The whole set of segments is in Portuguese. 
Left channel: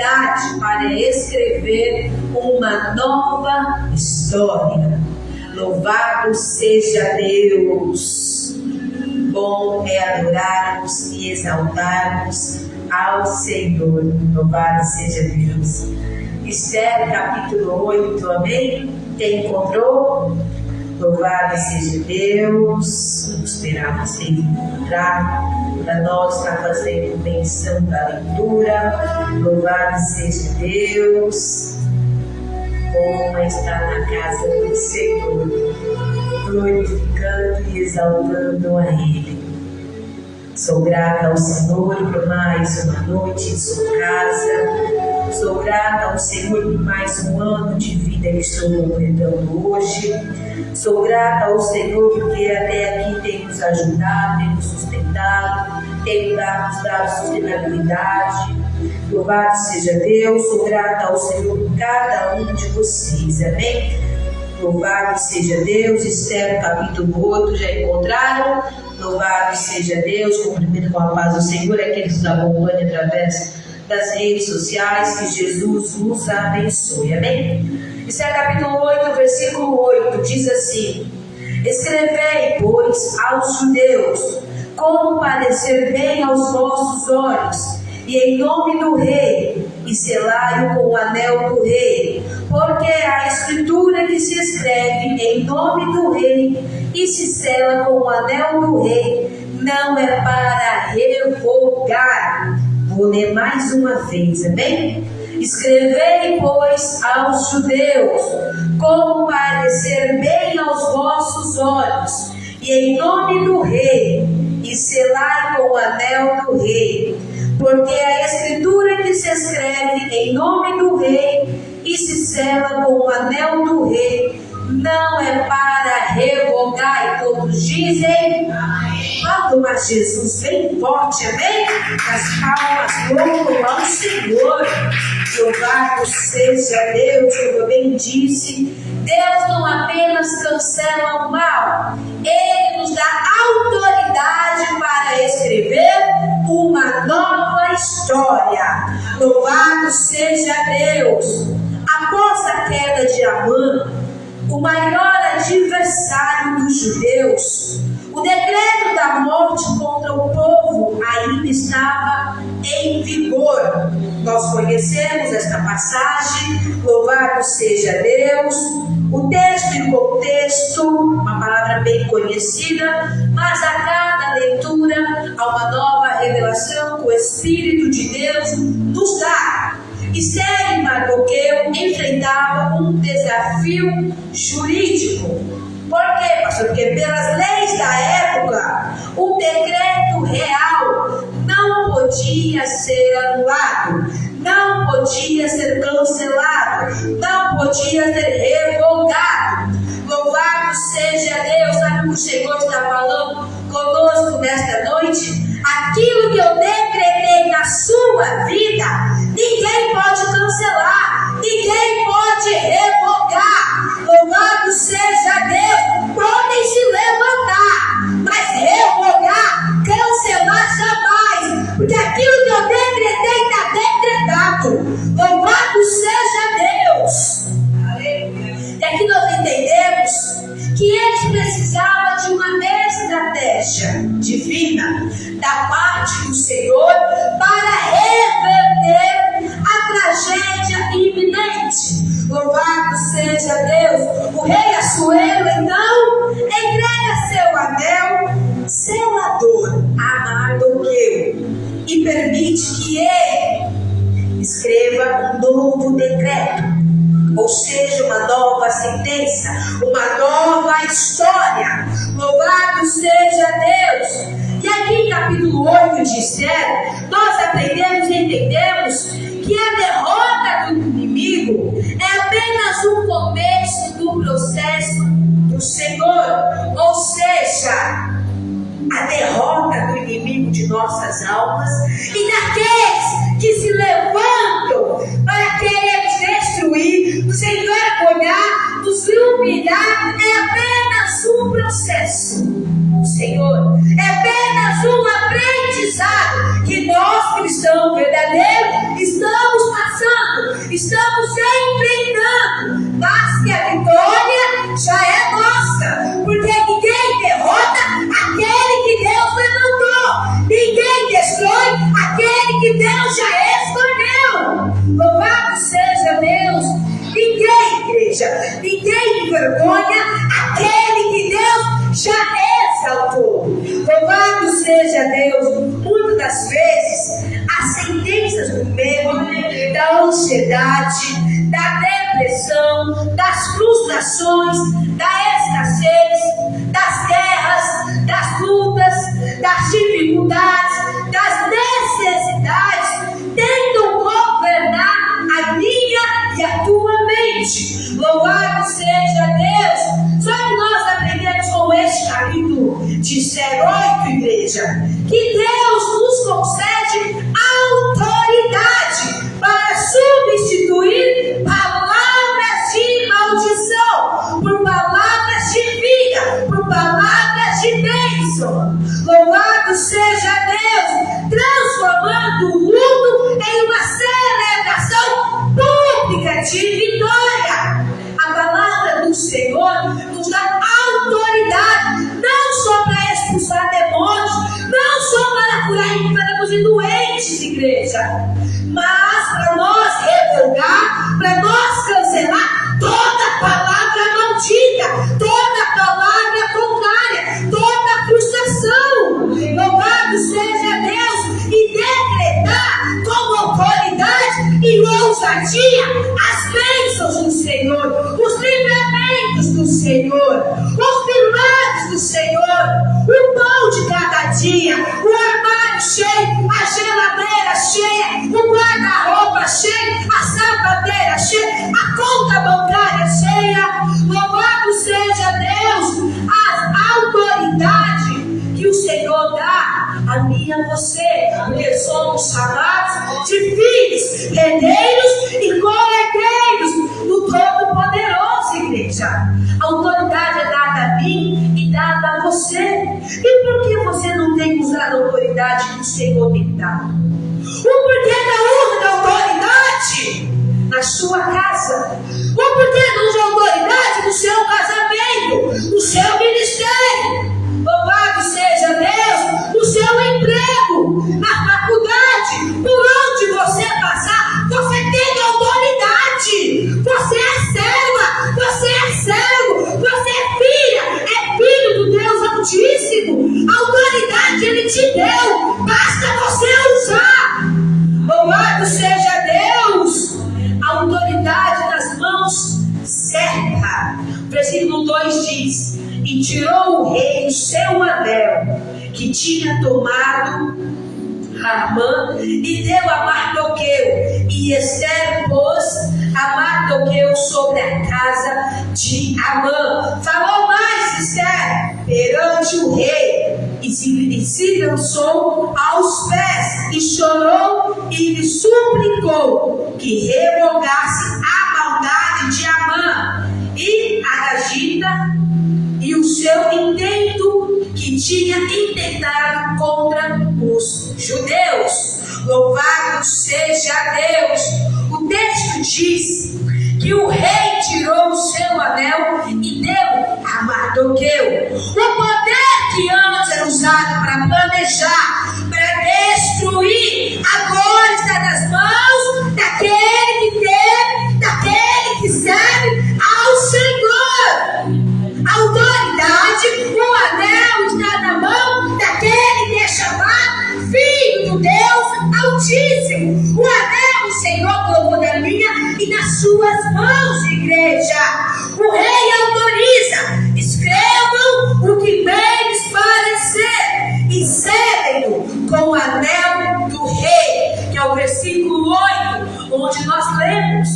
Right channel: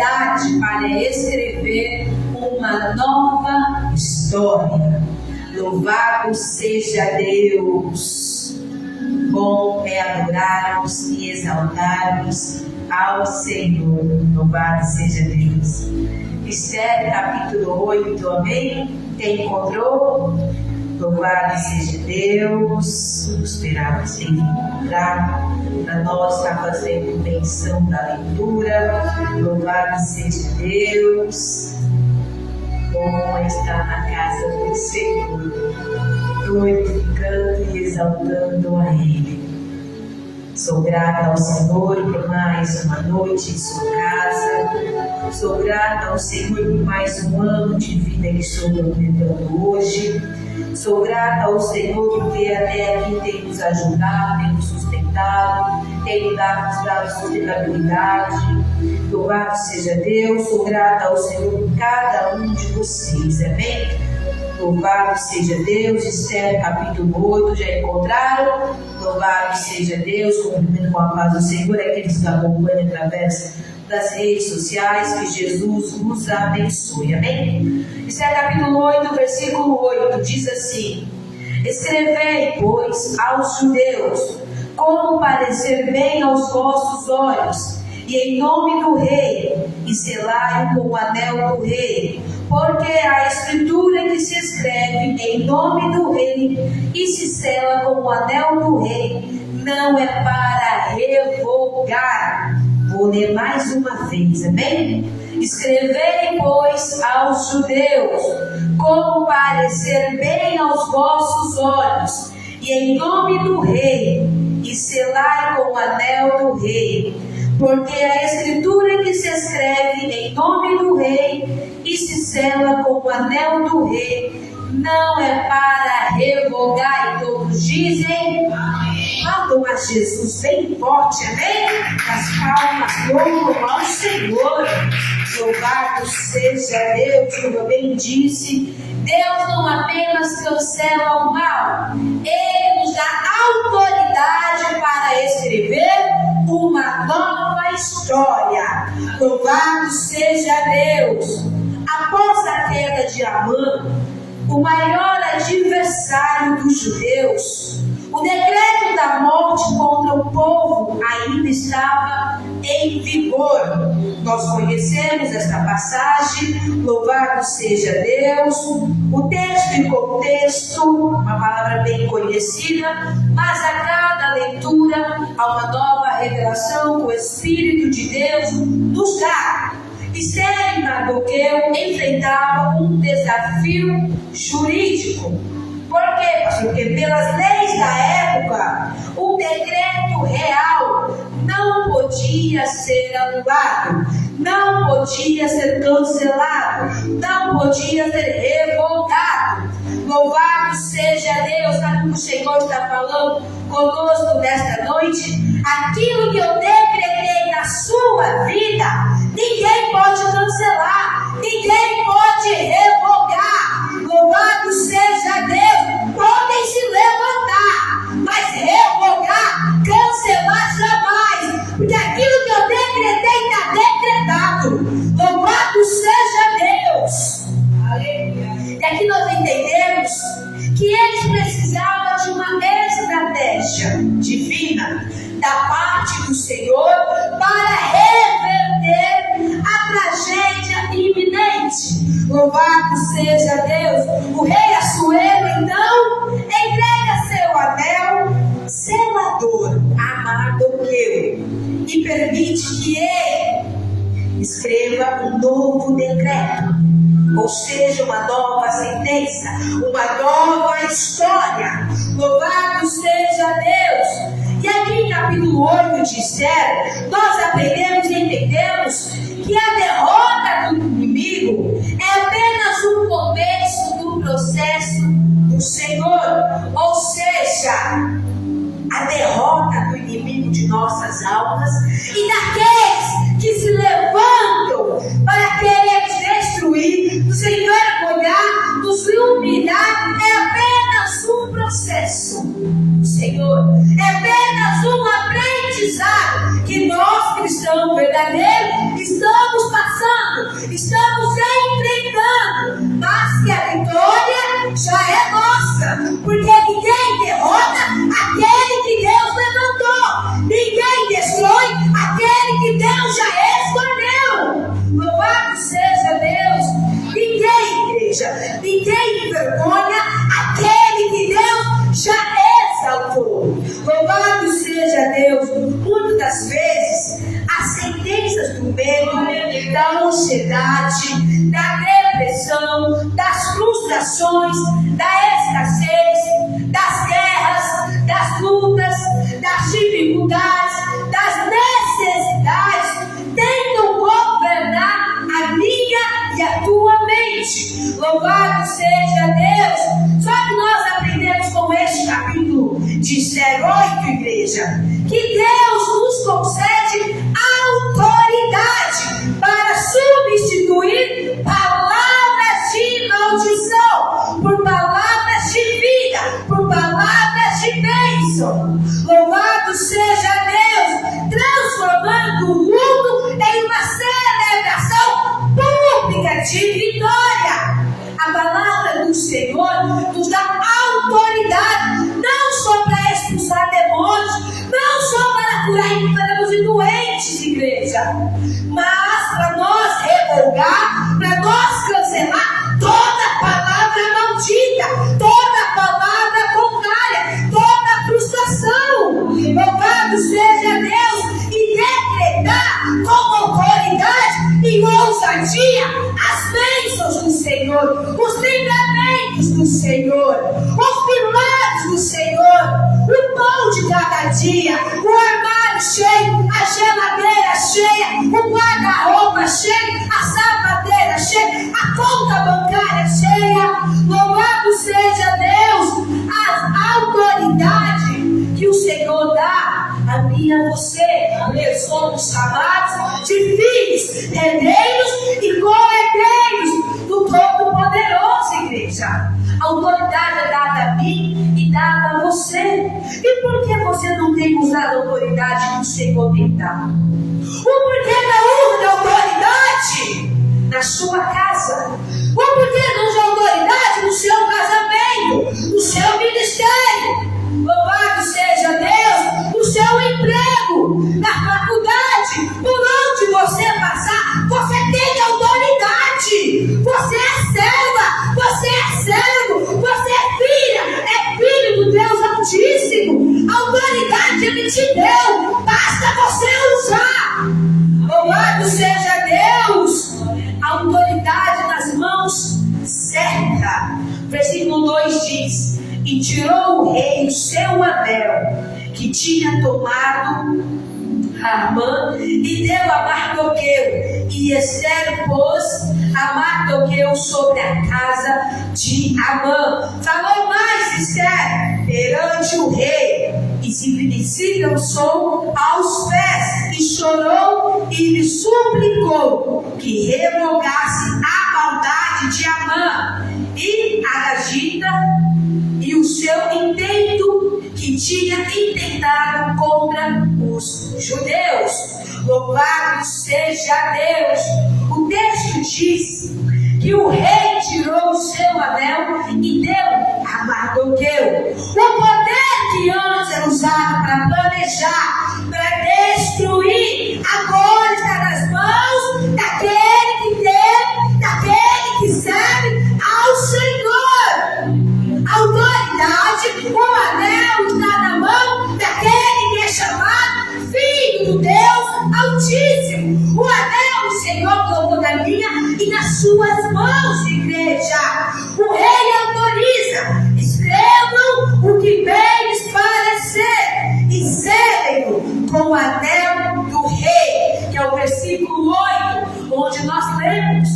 autoridade para escrever uma nova história. Louvado seja Deus! Bom é adorarmos e exaltarmos ao Senhor. Louvado seja Deus! Esther capítulo 8, amém? Quem encontrou? Louvado seja Deus! Vamos esperar você encontrar. Para nós estar fazendo menção da leitura. Louvado seja Deus! Bom é estar na casa do Senhor, glorificando e exaltando a Ele. Sou grata ao Senhor por mais uma noite em sua casa. Sou grata ao Senhor por mais um ano de vida que estou completando hoje. Sou grata ao Senhor porque até aqui tem nos ajudado, tem nos sustentado, tem nos dado sustentabilidade. Louvado seja Deus. Sou grata ao Senhor por cada um de vocês, amém? Louvado seja Deus. Esther capítulo 8, já encontraram? Louvado seja Deus. Cumprimento com a paz do Senhor aqueles que nos acompanham através das redes sociais. Que Jesus nos abençoe, amém? Esther capítulo 8, versículo 8 diz assim: escrevei, pois, aos judeus como parecer bem aos vossos olhos, e em nome do rei, e selai-o com o anel do rei, porque a escritura que se escreve em nome do rei e se sela com o anel do rei não é para revogar. Vou ler mais uma vez, amém? Escrevei, pois, aos judeus como parecer bem aos vossos olhos, e em nome do rei, e selai com o anel do rei, porque a escritura que se escreve em nome do rei e se sela com o anel do rei não é para revogar. E todos dizem amém. Vamos a Jesus bem forte, amém? As palmas louvam ao Senhor. Louvado seja Deus. Como eu bem disse, Deus não apenas cancela o mal, Ele nos dá autoridade para escrever uma nova história. Louvado seja Deus. Após a queda de Amã, o maior adversário dos judeus, o decreto da morte contra o povo ainda estava em vigor. Nós conhecemos esta passagem, louvado seja Deus. O texto e contexto, uma palavra bem conhecida, mas a cada leitura há uma nova revelação que o Espírito de Deus nos dá. Esther e Mardoqueu enfrentavam um desafio jurídico. Por quê, pastor? Porque pelas leis da época, o decreto real não podia ser anulado, não podia ser cancelado, não podia ser revogado. Louvado seja Deus. Sabe o que o Senhor está falando conosco nesta noite? Aquilo que eu decretei na sua vida, ninguém pode cancelar, ninguém pode revogar. Louvado seja Deus. Podem se levantar, mas revogar, cancelar jamais, porque aquilo que eu decretei está decretado. Louvado seja Deus. Aleluia. E aqui nós entendemos que eles precisavam de uma estratégia divina da parte do Senhor para reverter a tragédia iminente. Louvado seja Deus. O rei Assuero então entrega seu anel selador a Mardoqueu e permite que ele escreva um novo decreto, ou seja, uma nova sentença, uma nova história. Louvado seja Deus. E aqui em capítulo 8 de Esther, nós aprendemos e entendemos que a derrota do inimigo é apenas o começo do processo do Senhor, ou seja, a derrota do inimigo de nossas almas e daqueles que se levantam para querer destruir, nos envergonhar, nos humilhar. É apenas um processo, Senhor, é apenas um aprendizado que nós, cristãos verdadeiros, estamos passando estamos enfrentando, mas que a vitória já é nossa, porque ninguém derrota aquele que Deus levantou, ninguém destrói aquele que Deus já escolheu. Louvado seja Deus. Ninguém, igreja, ninguém envergonha aquele que Deus já exaltou. Louvado seja Deus. Muitas das vezes as sentenças do medo, da ansiedade, da depressão, das frustrações, da escassez, das guerras, das lutas, das dificuldades, das necessidades tentam governar a minha e a tua mente. Louvado seja Deus. Só que nós aprendemos com este capítulo de 0:8, igreja, que Deus nos concede autoridade para substituir palavras de maldição por palavras de vida, por palavras de bênção. Louvado seja Deus, transformando o mundo em uma celebração pública de vitória. A palavra do Senhor nos dá autoridade, não só para expulsar demônios, não só para curar enfermos e doentes, igreja, mas para nós revogar, para nós cancelar toda palavra maldita, toda palavra contrária, toda frustração. Louvado seja Deus, e decretar com autoridade e ousadia as bênçãos do Senhor, os livramentos do Senhor, os milagres do Senhor, o pão de cada dia, o armário cheio, a geladeira cheia, o guarda-roupa cheio, a sapateira cheia, a conta bancária cheia. Louvado seja Deus, a autoridade que o Senhor dá a mim e a você, porque somos chamados de filhos, herdeiros e co-herdeiros do Todo-Poderoso, igreja. A autoridade é dada a mim e dada a você. E por que você não tem usado a autoridade que o Senhor tem dado? O porquê não usa a autoridade na sua casa? O porquê não usa a autoridade no seu casamento, no seu ministério? Louvado seja Deus, no seu emprego, na faculdade, por onde você passar, você tem autoridade. Você é serva, você é servo, você é filho do Deus Altíssimo. A autoridade Ele te deu, basta você usar. Louvado seja Deus. A autoridade nas mãos certa. Versículo 2 diz: e tirou o rei o seu anel que tinha tomado Amã e deu a Mardoqueu, e Ester pôs a Mardoqueu sobre a casa de Amã. Falou mais Ester perante o rei e se lançou aos pés e chorou e lhe suplicou que revogasse a maldade de Amã e Agagita e o seu intento que tinha intentado contra os judeus. Louvado seja Deus. O texto diz que o rei tirou o seu anel e deu a Mardoqueu. O poder que antes era usado para planejar, para destruir, agora está nas mãos daquele que teme, daquele que serve ao Senhor. A autoridade, o anel está na mão daquele que é chamado Filho do Deus Altíssimo. O anel o Senhor colocou na minha e nas suas mãos, igreja. O rei autoriza: escrevam o que bem lhes parecer e selem-no com o anel do rei, que é o versículo 8, onde nós lemos:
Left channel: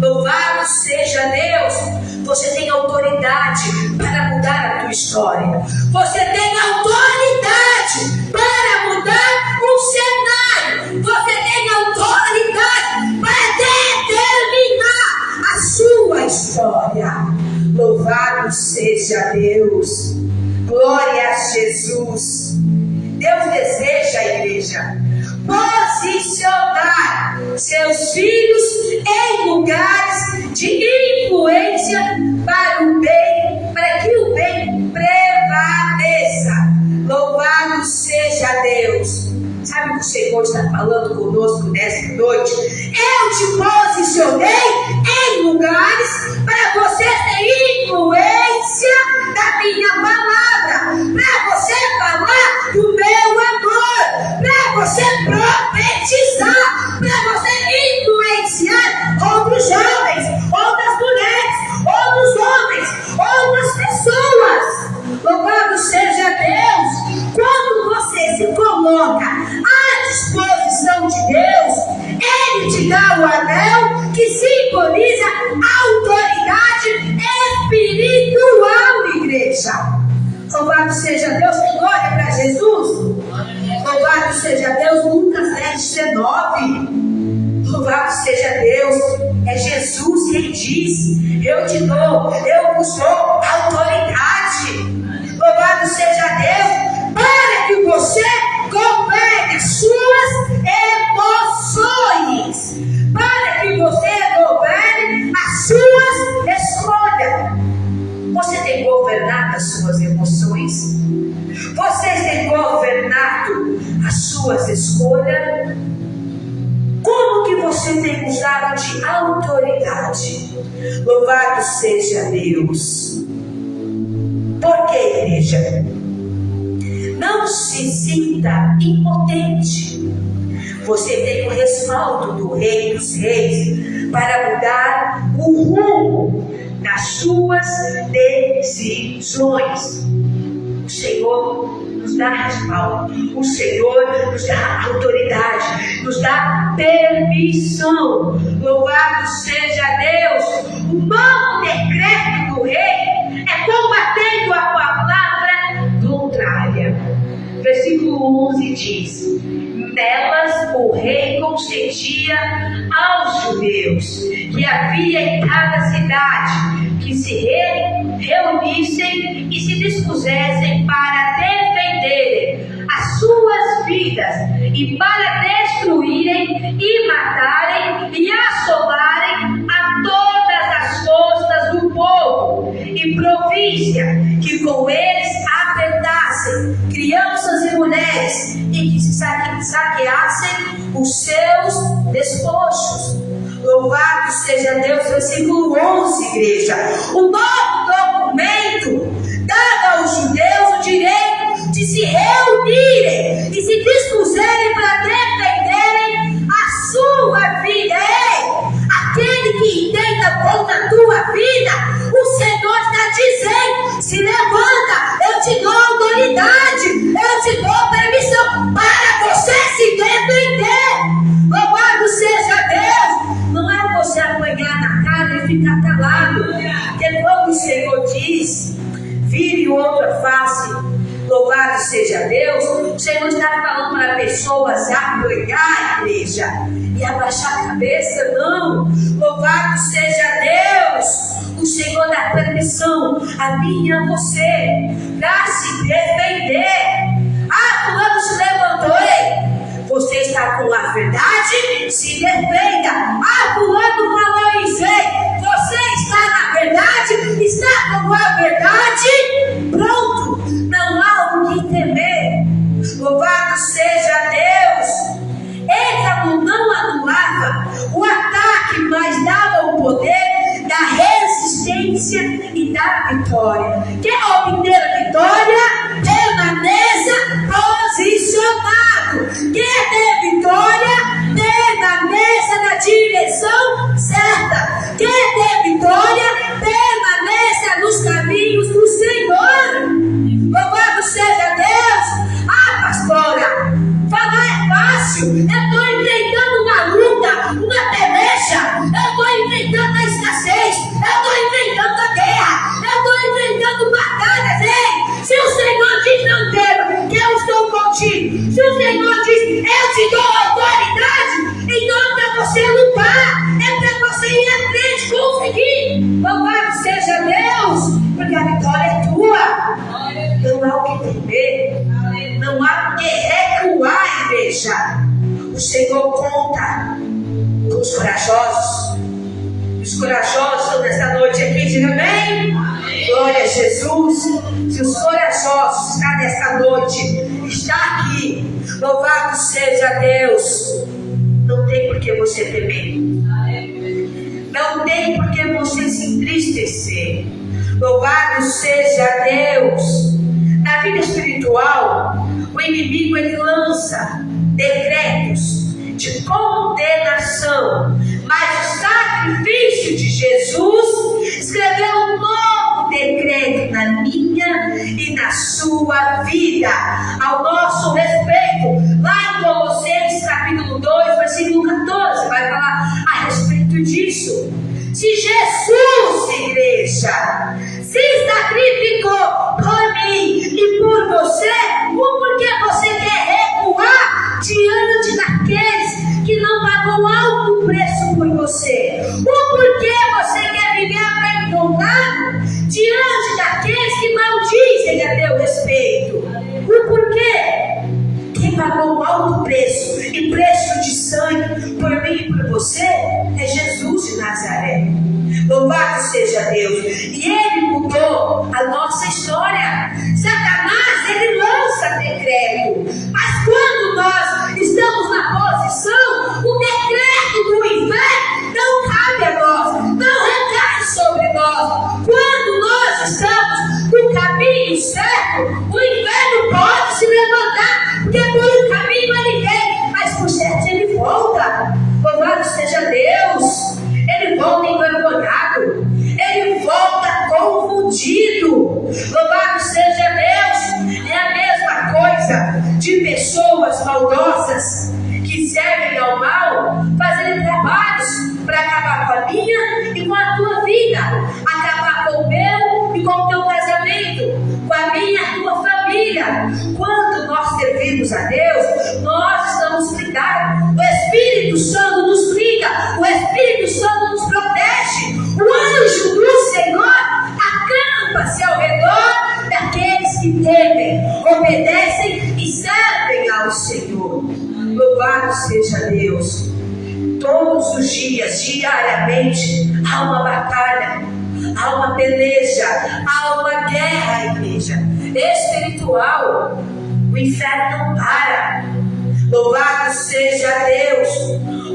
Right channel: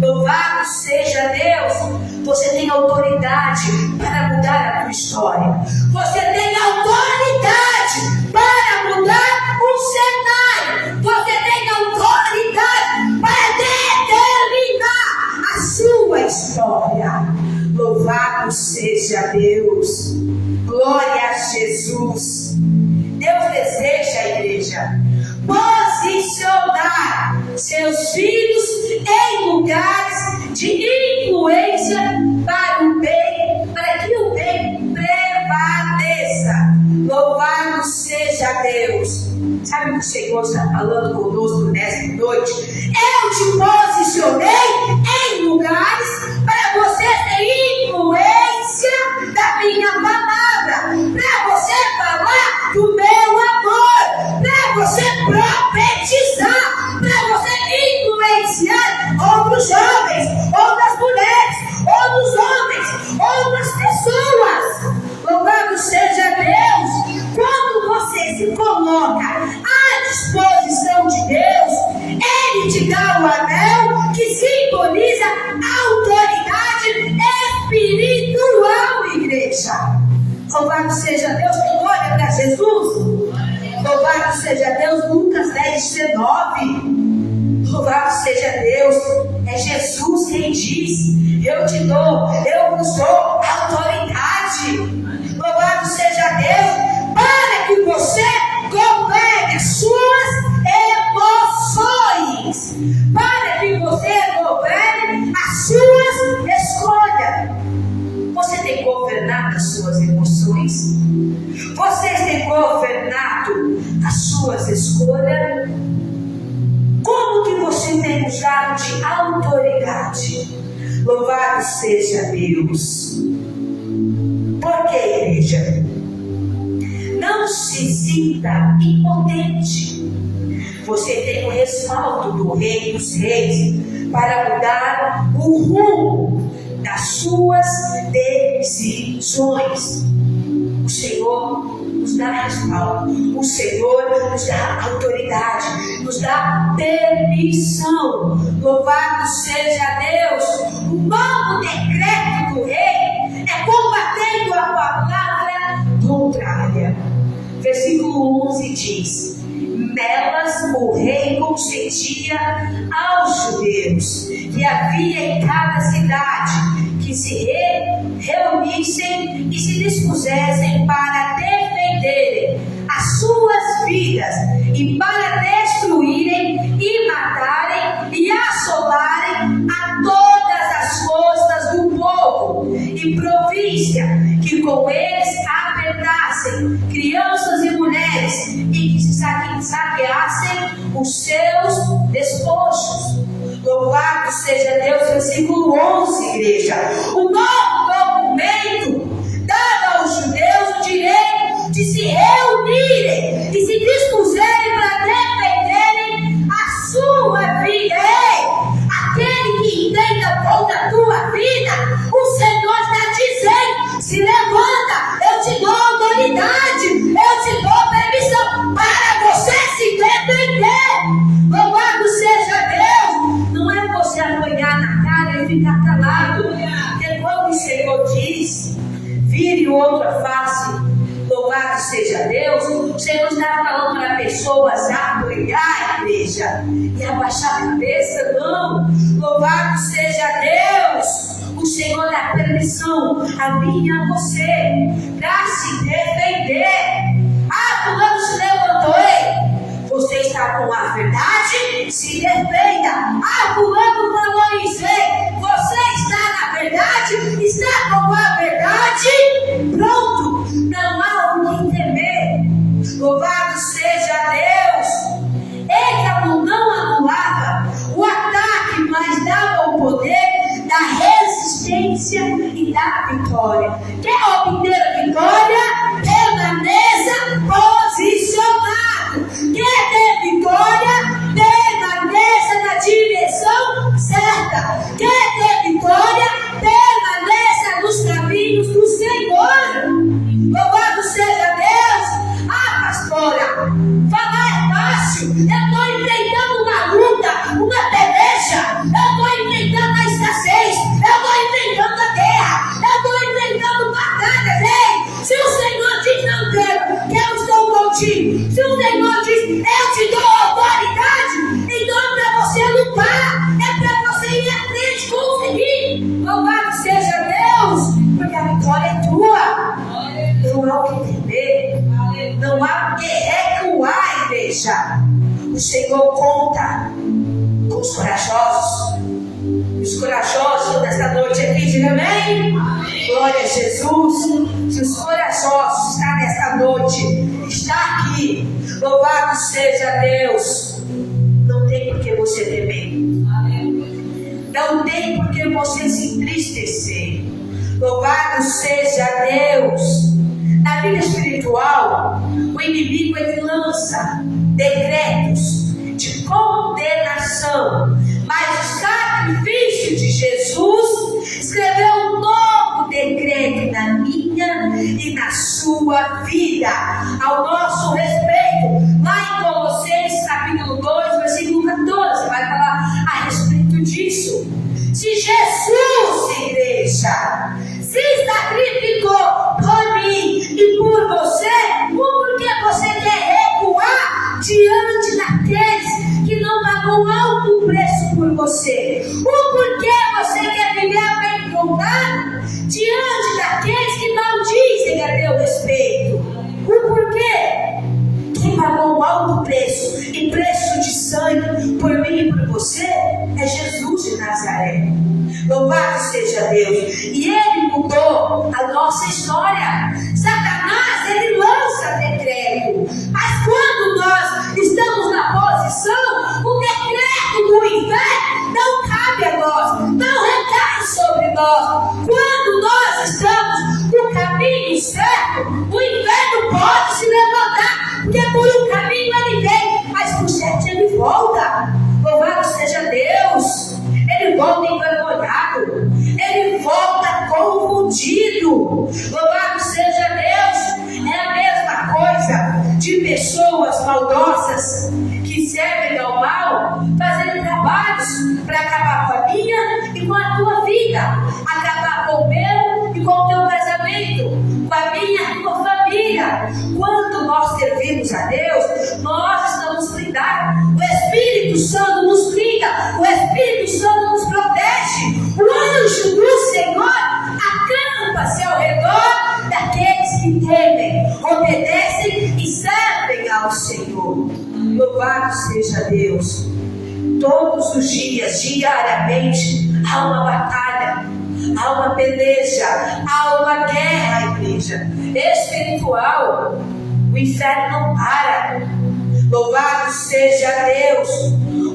louvado seja Deus. Você tem autoridade para mudar a tua história. Você tem autoridade para mudar o cenário. Você tem autoridade para determinar a sua história. Louvado seja Deus. Glória a Jesus. Deus deseja, igreja, posicionar seus filhos em lugares de influência para o bem, para que o bem prevaleça. Louvado seja Deus. Sabe o que o Senhor está falando conosco nesta noite? Eu te posicionei em lugares para você ter influência da minha palavra, para você falar do meu amor, para você profetizar, para você influenciar outros jovens, outras mulheres, outros homens, outras pessoas. Louvado seja Deus. Quando você se coloca à disposição de Deus, Ele te dá o anel que simboliza autoridade espiritual, igreja. Louvado seja Deus. Tem glória para Jesus. Louvado seja Deus. Lucas 10:19. Louvado seja Deus. É Jesus quem diz: eu te dou, eu vos dou autoridade. Louvado seja Deus. Para que você governe as suas emoções, para que você governe as suas escolhas. Você tem governado as suas emoções? Você tem governado as suas escolhas? Como que você tem usado de autoridade? Louvado seja Deus. Por que, igreja? Não se sinta impotente. Você tem o respaldo do Rei dos Reis para mudar o rumo das suas decisões. O Senhor nos dá respaldo, o Senhor nos dá autoridade, nos dá permissão. Louvado seja Deus. O novo decreto do Rei é combatendo a palavra contrária. Versículo 11 diz: nelas o rei consentia aos judeus que havia em cada cidade que se reunissem e se dispusessem para defenderem as suas vidas e para destruírem e matarem e assolarem a todas as costas do povo e província que com eles apertassem crianças e mulheres e que se saqueassem os seus despojos. Louvado seja Deus. Versículo 11, igreja. O novo documento dava aos judeus o direito de se reunirem e se dispuserem para defenderem a sua vida. Ei, aquele que entenda contra a tua vida, o Senhor está dizendo: se levanta, eu te dou autoridade, eu te dou permissão para você se defender. Louvado seja Deus. Não é você apanhar na cara e ficar calado, porque quando o Senhor diz: vire outra face, louvado seja Deus, o Senhor está falando para pessoas apoiar a igreja e abaixar a cabeça. Não. Louvado seja Deus. O Senhor dá permissão a mim e a você para se defender. Ah, fulano se levantou, ei, você está com a verdade? Se defenda. Ah, fulano falou isso, ei, você está na verdade? Está com a verdade? Pronto, não há o que temer. Louvado seja Deus. Êxodo não anulava o ataque, mas dava o poder da resistência e da vitória. Quer obter a vitória? Permaneça posicionado. Quer ter vitória? Permaneça na direção certa. Quer ter vitória? Permaneça nos caminhos do Senhor. Louvado seja Deus. Ah, pastora, falar é fácil. Eu estou enfrentando uma luta, uma peleja. Eu estou enfrentando a escassez. Eu estou enfrentando a guerra. Eu estou enfrentando batalhas. Ei, se o Senhor diz não tema, que eu estou contigo. Se o Senhor diz eu te dou autoridade, então é para você lutar. É para você ir à frente, conseguir. Louvado seja Deus, porque a vitória é tua. Não há o que temer. Não há o que recuar, igreja. O Senhor conta Jesus. Se os corajosos está nesta noite, está aqui, louvado seja Deus. Não tem por que você temer, não tem por que você se entristecer. Louvado seja Deus. Na vida espiritual, o inimigo ele lança decretos de condenação, mas o sacrifício de Jesus escreveu um novo decreto na minha e na sua vida, ao nosso respeito. Lá em Colossenses capítulo 2, versículo 14, vai falar a respeito disso. Se Jesus, igreja, se sacrificou por mim e por você, por que você quer recuar diante daqueles que não pagou alto preço por você? O porquê você quer viver amedrontado diante daqueles que maldizem a teu respeito? O porquê? Quem pagou um alto preço e preço de sangue por mim e por você é Jesus de Nazaré. Louvado seja Deus. E Ele mudou a nossa história. Satanás, ele lança decreto, mas quando nós estamos na posição, o decreto do inferno não cabe a nós, não recai sobre nós. Quando nós estamos no caminho certo, o inferno pode se levantar, porque por um caminho ele vem, mas por certo ele volta. Louvado seja Deus. Ele volta envergonhado, ele volta confundido. Louvado seja Deus. É a mesma coisa de pessoas maldosas que servem ao mal, fazendo trabalhos para acabar com a minha e com a tua vida, acabar com o meu e com o teu casamento, com a minha e tua família. Quando nós servimos a Deus, nós estamos blindados. O Espírito Santo nos blinda, o Espírito Santo nos protege. O anjo do Senhor acampa-se ao redor daqueles que temem, obedecem e servem ao Senhor. Louvado seja Deus. Todos os dias, diariamente, há uma batalha, há uma peleja, há uma guerra, igreja, espiritual. O inferno não para. Louvado seja Deus.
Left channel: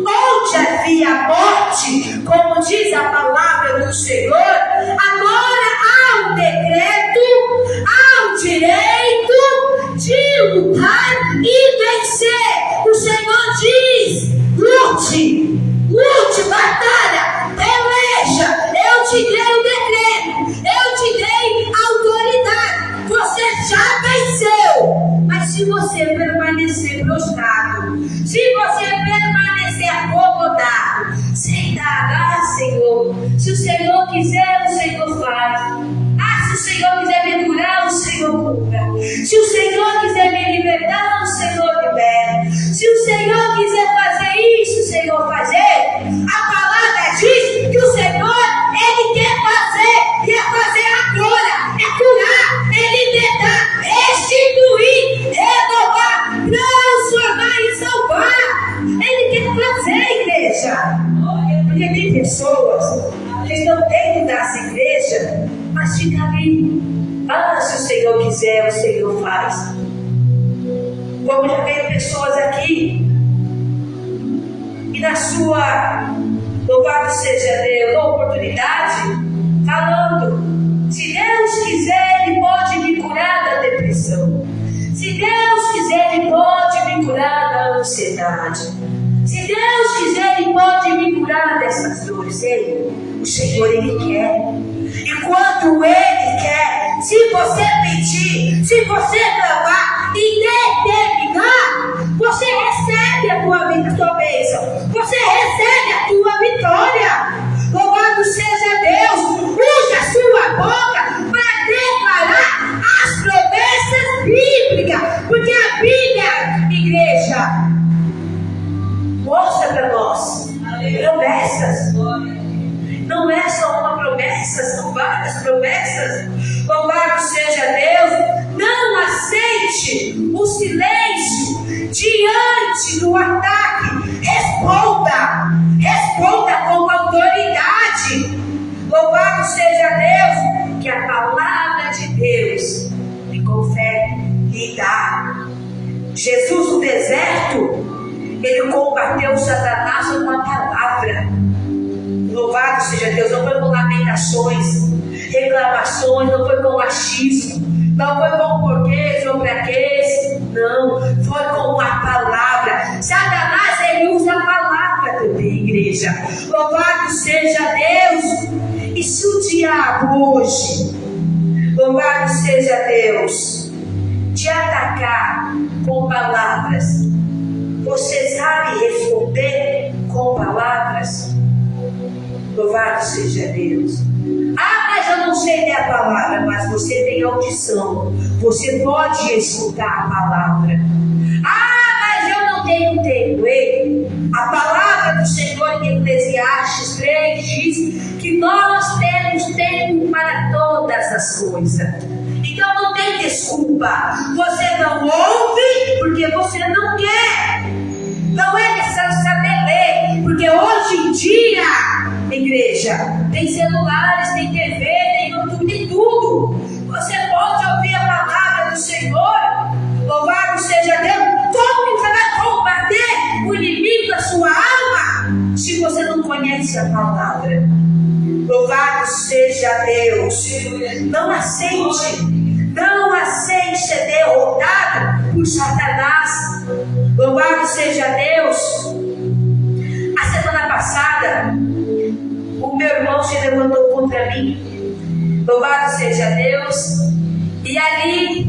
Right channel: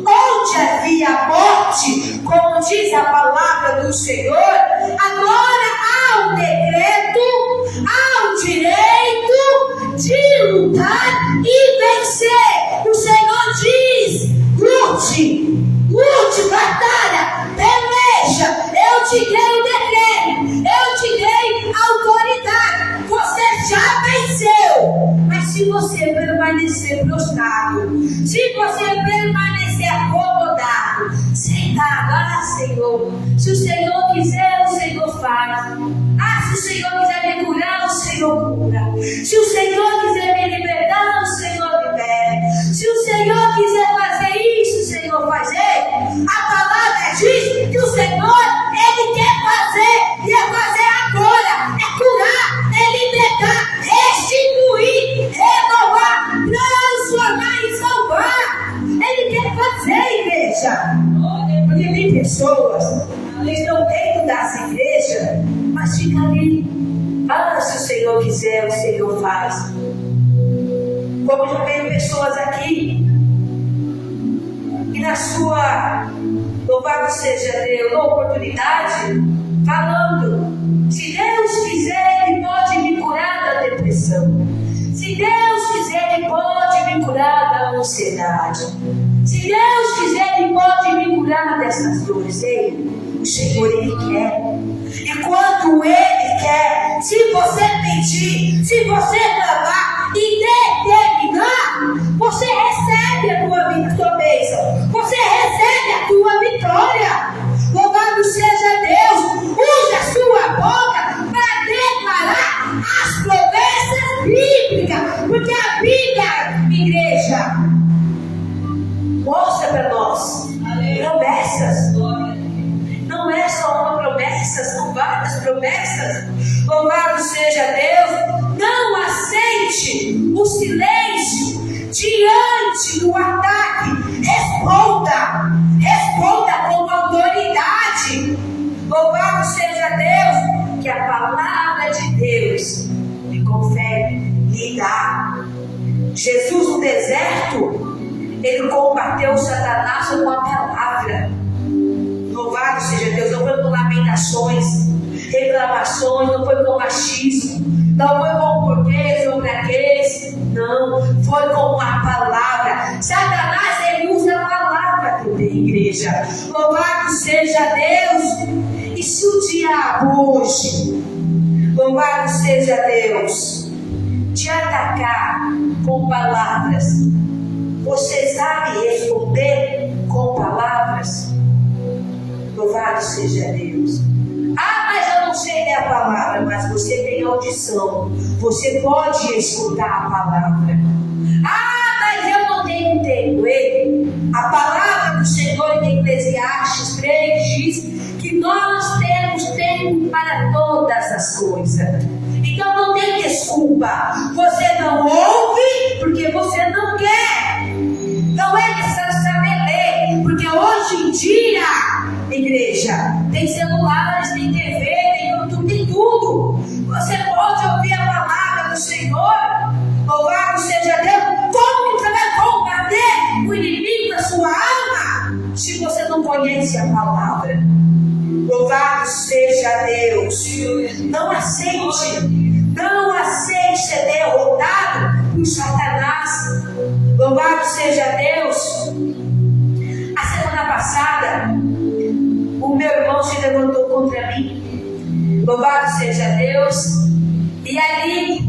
Onde havia morte, como diz a palavra do Senhor, agora há um decreto, há um direito de lutar e vencer. O Senhor diz: lute, batalha, peleja. Eu te dei o decreto, eu te dei a autoridade. Você já venceu. Mas se você permanecer prostrado, se você permanecer acomodado, sentado, Senhor, se o Senhor quiser, o Senhor faz. Se o Senhor quiser me curar, o Senhor cura. Se o Senhor quiser me libertar, o Senhor libera. Se o Senhor quiser fazer isso, o Senhor fazer. A palavra diz que o Senhor, Ele quer fazer, e é fazer agora, é curar, é libertar, restituir, renovar, transformar e salvar. Ele quer fazer, igreja. Porque tem pessoas que estão dentro das igrejas, mas fica ali. Se o Senhor quiser, o Senhor faz. Como já veio pessoas aqui, e na sua, louvado seja Deus, oportunidade, falando: se Deus quiser, Ele pode me curar da depressão. Se Deus quiser, Ele pode me curar da ansiedade. Se Deus quiser, Ele pode me curar dessas dores. O Senhor, Ele quer. E quando Ele quer, se você pedir, se você clamar e determinar, você recebe a tua bênção, você recebe a tua vitória. Louvado seja Deus. Use a sua boca para declarar as promessas bíblicas, porque a Bíblia, igreja, mostra para nós promessas. Não é só uma promessa, são várias promessas. Louvado seja Deus. Não aceite o silêncio diante do ataque. Responda com autoridade. Louvado seja Deus, que a palavra de Ele combateu Satanás com uma palavra. Louvado seja Deus. Não foi com lamentações, reclamações, não foi com machismo, não foi com porquês ou praquês, não, foi com uma palavra. Satanás, ele usa a palavra também, igreja. Louvado seja Deus. E se o diabo hoje, louvado seja Deus, te atacar com palavras, você sabe responder com palavras? Louvado seja Deus. Ah, mas eu não sei ler a palavra. Mas você tem audição, você pode escutar a palavra. Ah, mas eu não tenho tempo. Ei, a palavra do Senhor em Eclesiastes 3 diz que nós temos tempo para todas as coisas. Então não tem desculpa. Você não ouve porque você não quer. Não é necessário saber ler, porque hoje em dia, igreja, tem celulares, tem TV, tem YouTube, tem tudo. Você pode ouvir a palavra do Senhor. Louvado seja Deus. Como que você vai combater o inimigo da sua alma se você não conhece a palavra? Louvado seja Deus. Não aceite ser derrotado por Satanás. Louvado seja Deus. A semana passada, o meu irmão se levantou contra mim. Louvado seja Deus. E ali,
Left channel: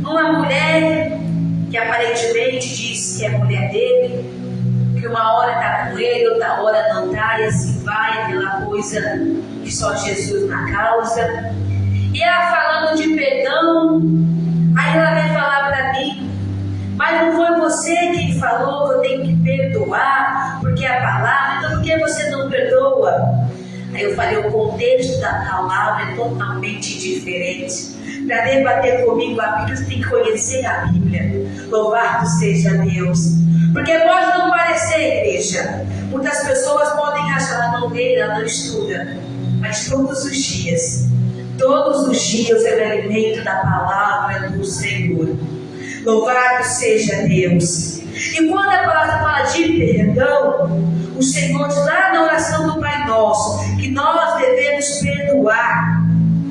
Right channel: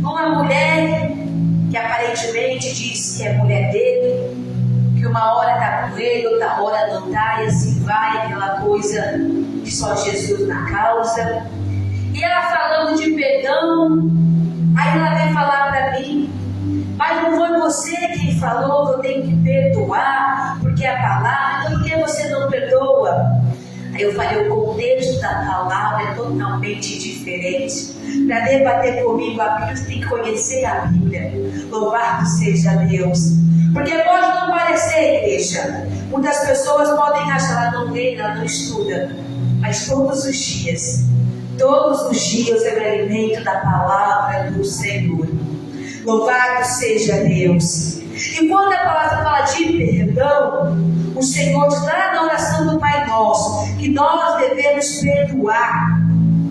uma mulher que aparentemente diz que é mulher dele, que uma hora está com ele, outra hora não está, e assim vai, aquela coisa que só Jesus na causa. E ela falando de perdão, aí ela vem falar para mim: mas não foi você que falou que eu tenho que perdoar, porque a palavra, então por que você não perdoa? Aí eu falei: o contexto da palavra é totalmente diferente. Para debater comigo a Bíblia, você tem que conhecer a Bíblia. Louvado seja Deus. Porque pode não parecer, igreja. Muitas pessoas podem achar, ela não lê, ela não estuda. Mas todos os dias eu me alimento da palavra do Senhor. Louvado seja Deus. E quando a palavra fala de perdão, o Senhor diz lá na oração do Pai Nosso que nós devemos perdoar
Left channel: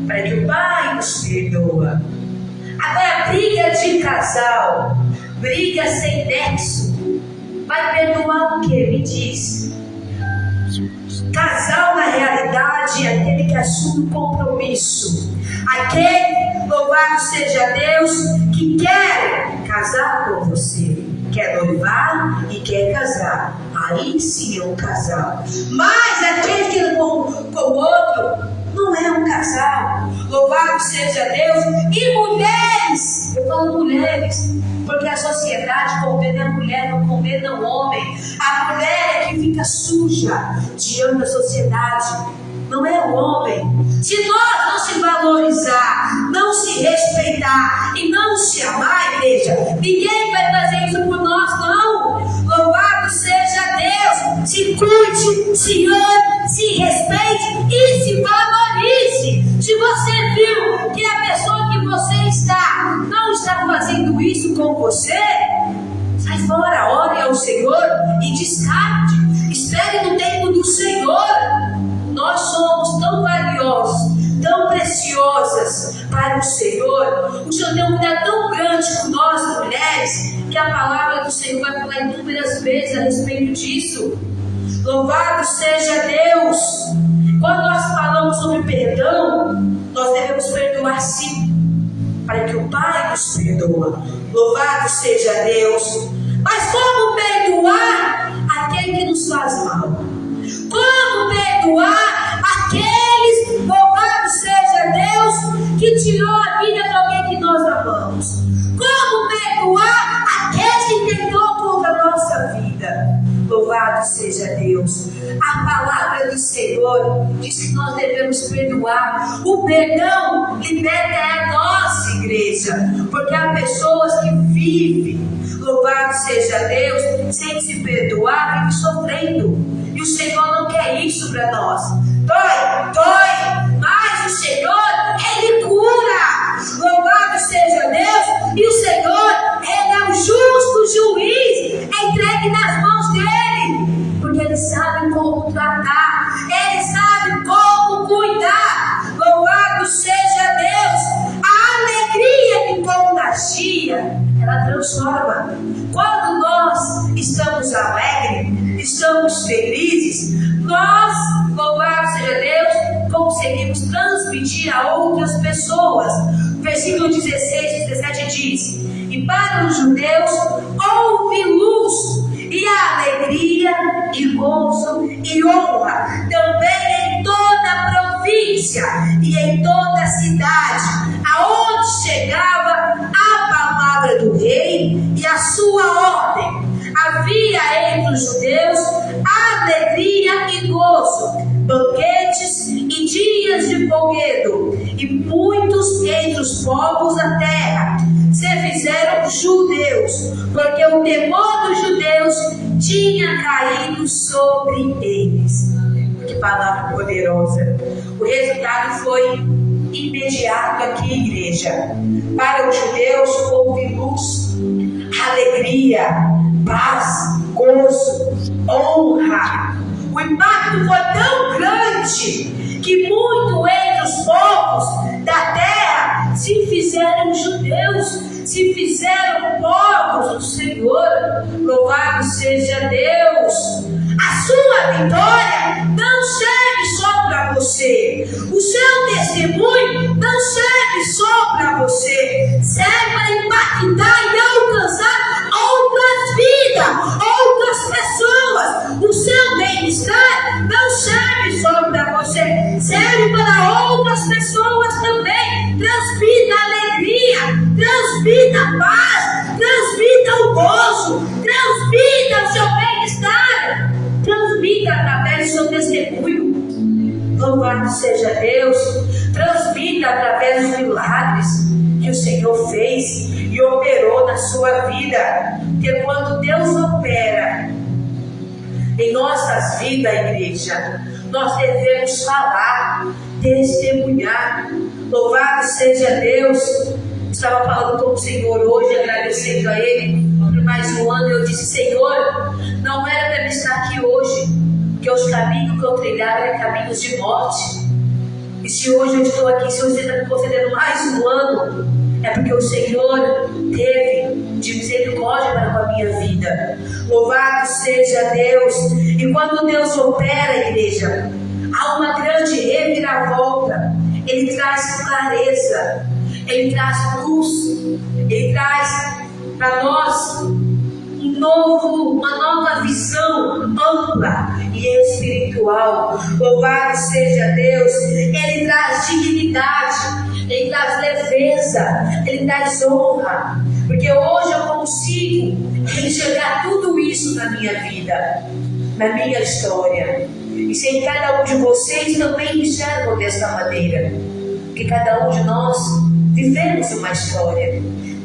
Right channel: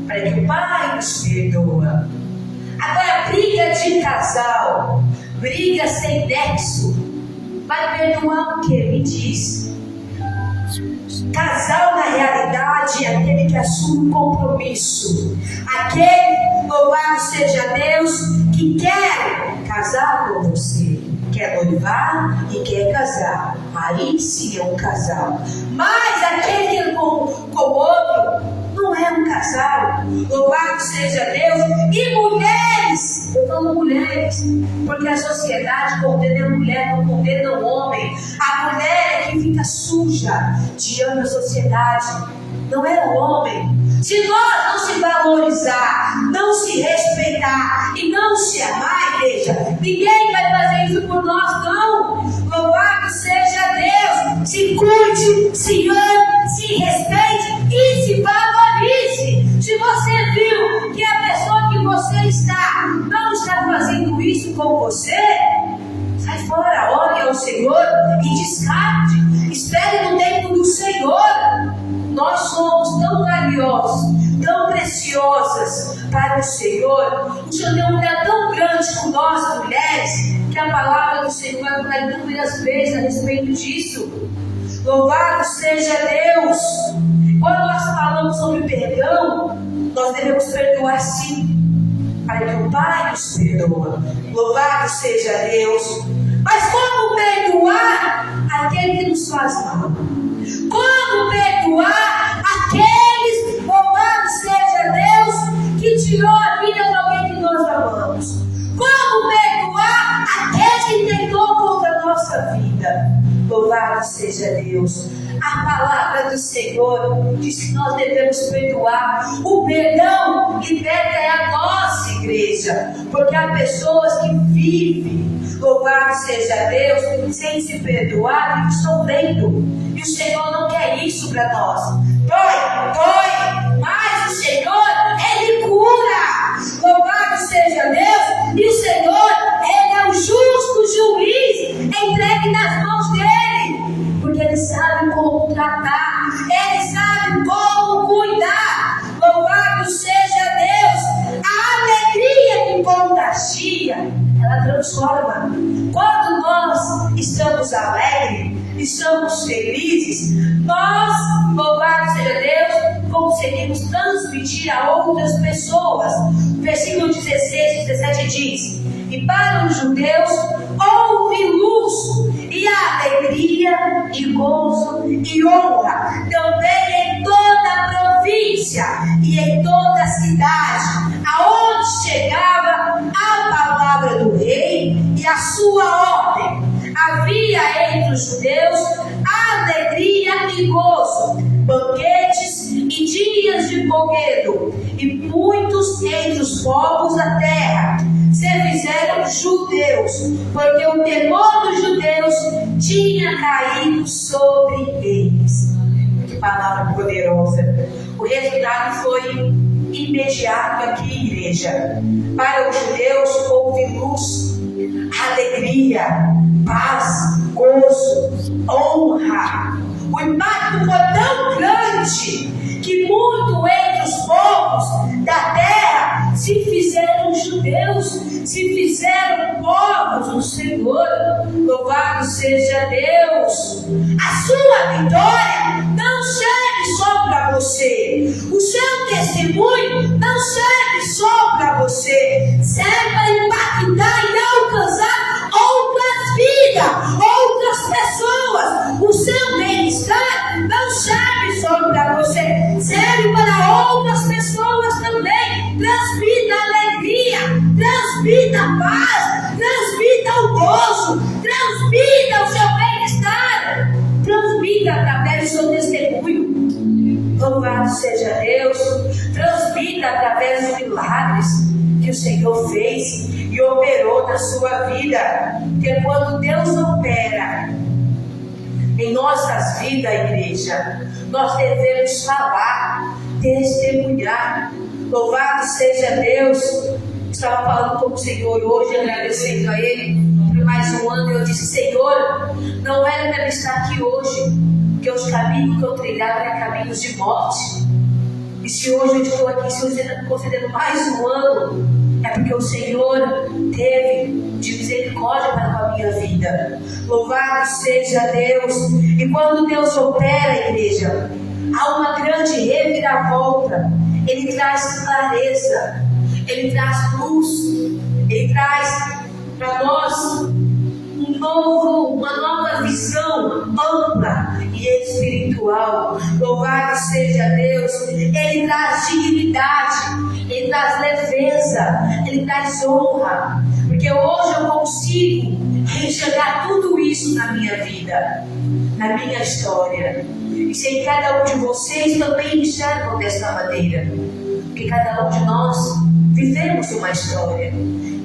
para que o Pai nos perdoa. Agora, briga de casal, briga sem nexo, vai perdoar o que? Me diz. Casal, na realidade, é aquele que assume compromisso. Aquele, louvado seja Deus, que quer casar com você. Quer noivar e quer casar. Aí sim é um casal. Mas aquele que é com o outro não é um casal. Louvado seja Deus. E mulheres, eu falo mulheres, porque a sociedade condena a mulher, não condena o homem. A mulher é que fica suja diante da sociedade, não é o homem. Se nós não se valorizar, não se respeitar e não se amar, igreja, ninguém vai fazer isso por nós, não. Louvado seja Deus. Se cuide, se ame, se respeite e se valorize. Se você viu que a pessoa que você está não está fazendo isso com você, sai fora, ore ao Senhor e descarte. Espere no tempo do Senhor. Nós somos tão valiosos, tão preciosas para o Senhor. O Senhor tem um cuidado tão grande com nós, mulheres, que a palavra do Senhor vai falar inúmeras vezes a respeito disso. Louvado seja Deus. Quando nós falamos sobre perdão, nós devemos perdoar sim, para que o Pai nos perdoa. Louvado seja Deus. Mas como perdoar aquele que nos faz mal? Como perdoar aqueles, louvado seja Deus, que tirou a vida de alguém que nós amamos? Como perdoar aqueles que tentou contra a nossa vida? Louvado seja Deus. A palavra do Senhor diz que nós devemos perdoar. O perdão liberta a nossa igreja, porque há pessoas que vivem, louvado seja Deus, sem se perdoar, vivem sofrendo. E o Senhor não quer isso para nós. Dói, mas o Senhor, Ele cura. Louvado seja Deus. E o Senhor, Ele é o justo juiz. transforma. Quando nós estamos alegres, estamos felizes, nós, louvado seja Deus, conseguimos transmitir a outras pessoas. Versículo 16, 17 diz: e para os judeus houve luz, e a alegria, e gozo, e honra, também em toda a província, e em toda a cidade, aonde chegava a palavra do rei, e a sua ordem. Havia entre os judeus alegria e gozo, banquetes e dias de folguedo, e muitos entre os povos da terra se fizeram judeus, porque o temor dos judeus tinha caído sobre eles. Que palavra poderosa! O resultado foi imediato aqui, igreja. Para os judeus houve luz, alegria, paz, gozo, honra. O impacto foi tão grande que muito entre os povos da terra se fizeram judeus, se fizeram povos do Senhor. Louvado seja Deus. A sua vitória não serve só para você, o seu testemunho não serve só para você, serve para impactar e alcançar outras vidas, outras pessoas. O seu bem-estar não serve só para você, serve para outras pessoas também. Transmita alegria, transmita paz, transmita o gozo, transmita o seu bem-estar, transmita através do seu testemunho. Louvado seja Deus. Transmita através dos milagres que o Senhor fez e operou na sua vida. Porque quando Deus opera em nossas vidas, igreja, nós devemos falar, testemunhar. Louvado seja Deus. Estava falando com o Senhor hoje, agradecendo a Ele por mais um ano. Eu disse: Senhor, não era para eu estar aqui hoje, porque os caminhos que eu trilhava eram caminhos de morte. E se hoje eu estou aqui, se você está me concedendo mais um ano, é porque o Senhor teve de misericórdia para com a minha vida. Louvado seja Deus. E quando Deus opera, igreja, há uma grande reviravolta. Ele traz clareza, Ele traz luz, Ele traz para nós uma nova visão ampla e espiritual. Louvado seja Deus. Ele traz dignidade, Ele traz leveza, Ele traz honra, porque hoje eu consigo enxergar tudo isso na minha vida, na minha história. E se cada um de vocês também enxergam desta maneira, porque cada um de nós vivemos uma história,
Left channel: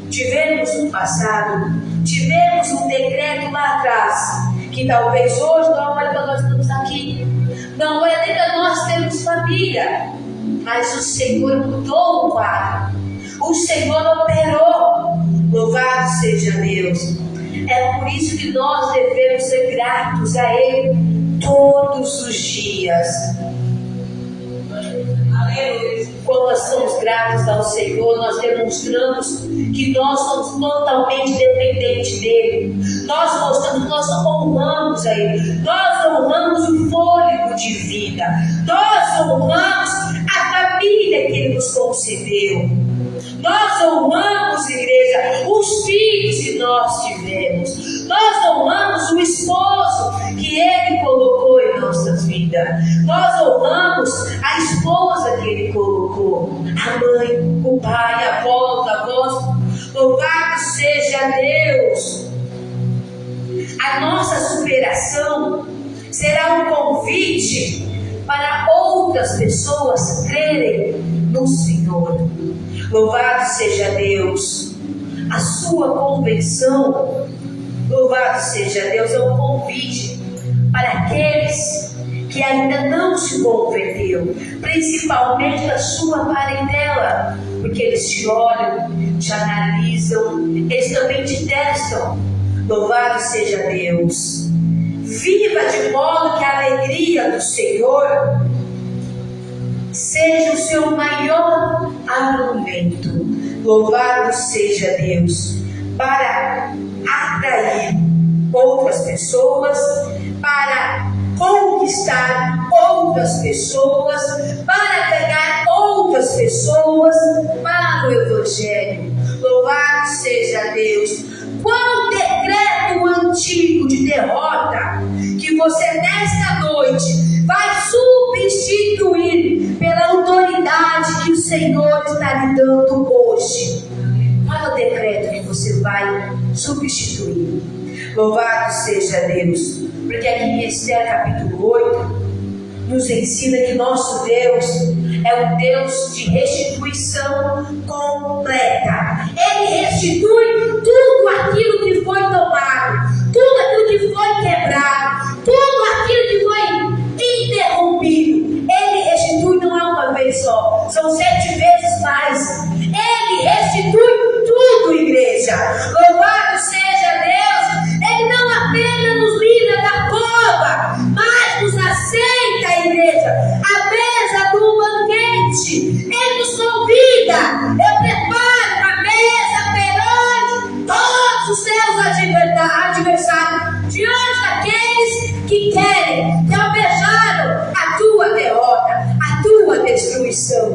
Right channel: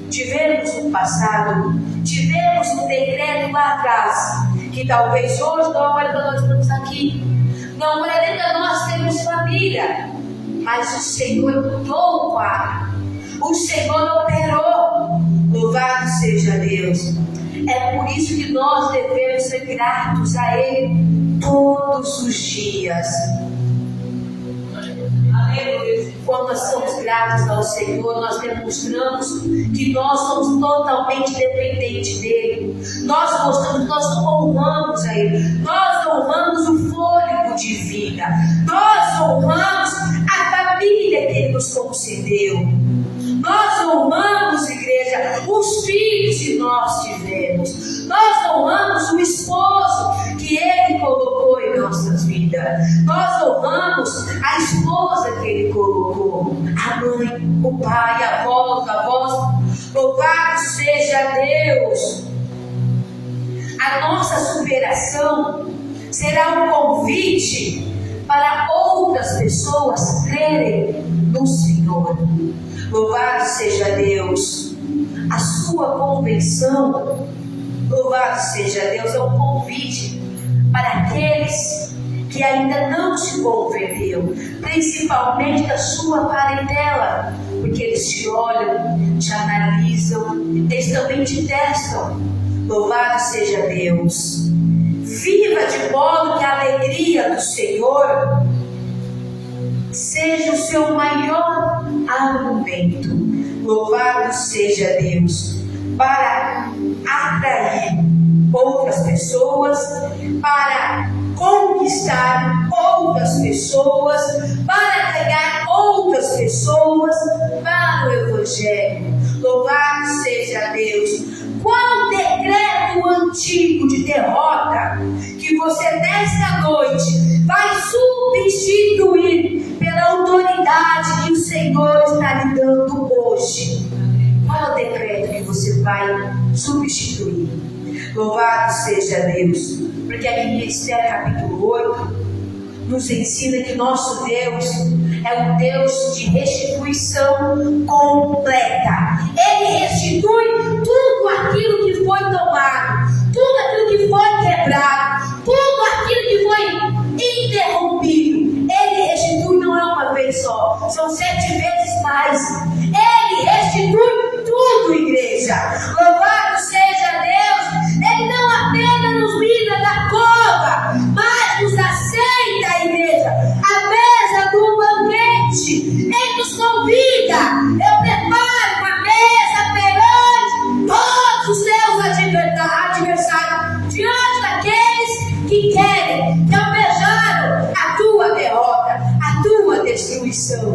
tivemos um passado, tivemos um decreto lá atrás, que talvez hoje não é para nós estarmos aqui, não é nem para nós termos família, mas o Senhor mudou o quadro, o Senhor operou. Louvado seja Deus. É por isso que nós devemos ser gratos a Ele todos os dias. Quando nós somos gratos ao Senhor, nós demonstramos que nós somos totalmente dependentes dEle. Nós mostramos que nós honramos a Ele. Nós honramos o fôlego de vida. Nós honramos a família que Ele nos concedeu. Nós honramos, igreja, os filhos que nós tivemos. Nós honramos o esposo que Ele colocou em nossas vidas. Nós honramos a esposa que Ele colocou, a mãe, o pai, a avó, os avós. Louvado seja Deus. A nossa superação será um convite para outras pessoas crerem no Senhor. Louvado seja Deus. A sua convenção, louvado seja Deus, é um convite para aqueles que ainda não se converteu, principalmente da sua parentela, porque eles te olham, te analisam, eles também te testam. Louvado seja Deus. Viva de modo que a alegria do Senhor seja o seu maior argumento. Louvado seja Deus. para atrair outras pessoas, para conquistar outras pessoas, para pegar outras pessoas para o Evangelho. Louvado seja Deus. Qual decreto antigo de derrota que você nesta noite vai substituir pela autoridade que o Senhor está lhe dando hoje? Qual é o decreto que você vai substituir? Louvado seja Deus, porque aqui em Esther capítulo 8 nos ensina que nosso Deus é um Deus de restituição completa. Ele restitui tudo aquilo que foi tomado, tudo aquilo que foi quebrado, tudo aquilo que foi interrompido. Ele restitui, não é uma vez só, são 7 vezes mais. Ele restitui tudo, igreja. Louvado seja Deus. Ele não apenas nos livra da cova, mas nos aceita, igreja, à mesa do banquete. Ele nos convida. Eu preparo uma mesa perante todos os seus adversários, diante daqueles que querem, que almejaram a tua derrota, a tua destruição.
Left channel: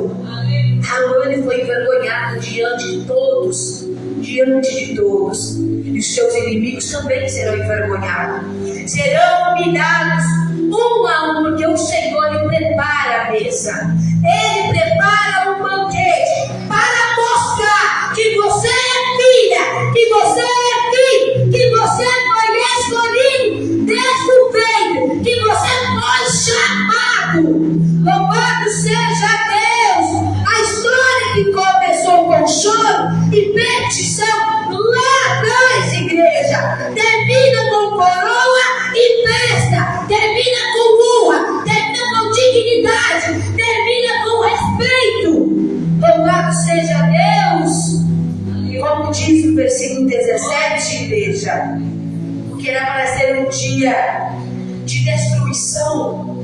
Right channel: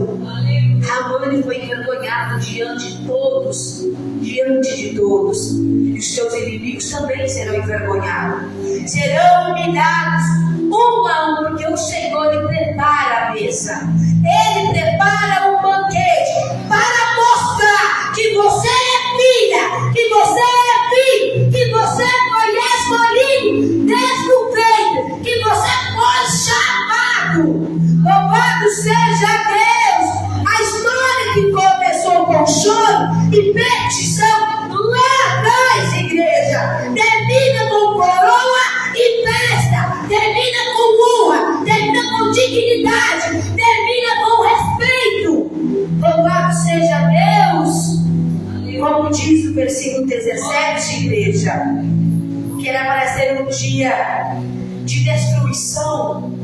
Amã foi envergonhado diante de todos, e os seus inimigos também serão envergonhados, serão humilhados um a um, porque o Senhor lhe prepara a mesa, Ele prepara um banquete para mostrar que você é filha, que você é filho, que você foi escolhido desde o ventre, que você foi chamado. Louvado seja Deus. A história que começou com choro e petição lá atrás, igreja, termina com coroa e festa, termina com honra, termina com dignidade, termina com respeito. Louvado seja Deus. E como diz o versículo 17, igreja, que era para ser um dia de destruição,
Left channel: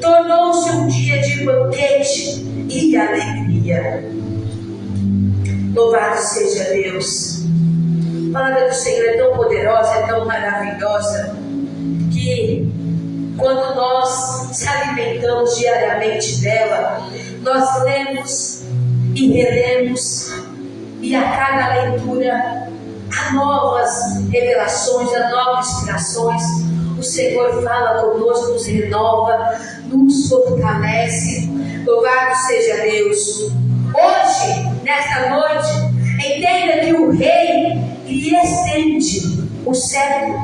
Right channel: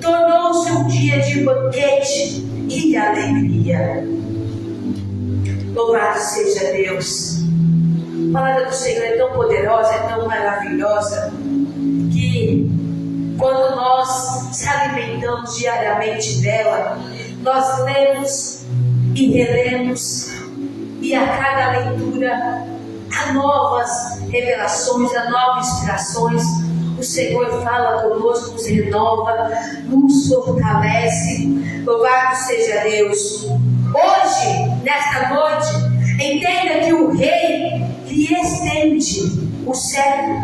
tornou-se um dia de banquete e alegria. Louvado seja Deus. A palavra do Senhor é tão poderosa, é tão maravilhosa, que quando nós se alimentamos diariamente dela, nós lemos e relemos, e a cada leitura há novas revelações, há novas inspirações. O Senhor fala conosco, nos renova, nos fortalece. Louvado seja Deus. Hoje, nesta noite, entenda que o Rei lhe estende o cetro.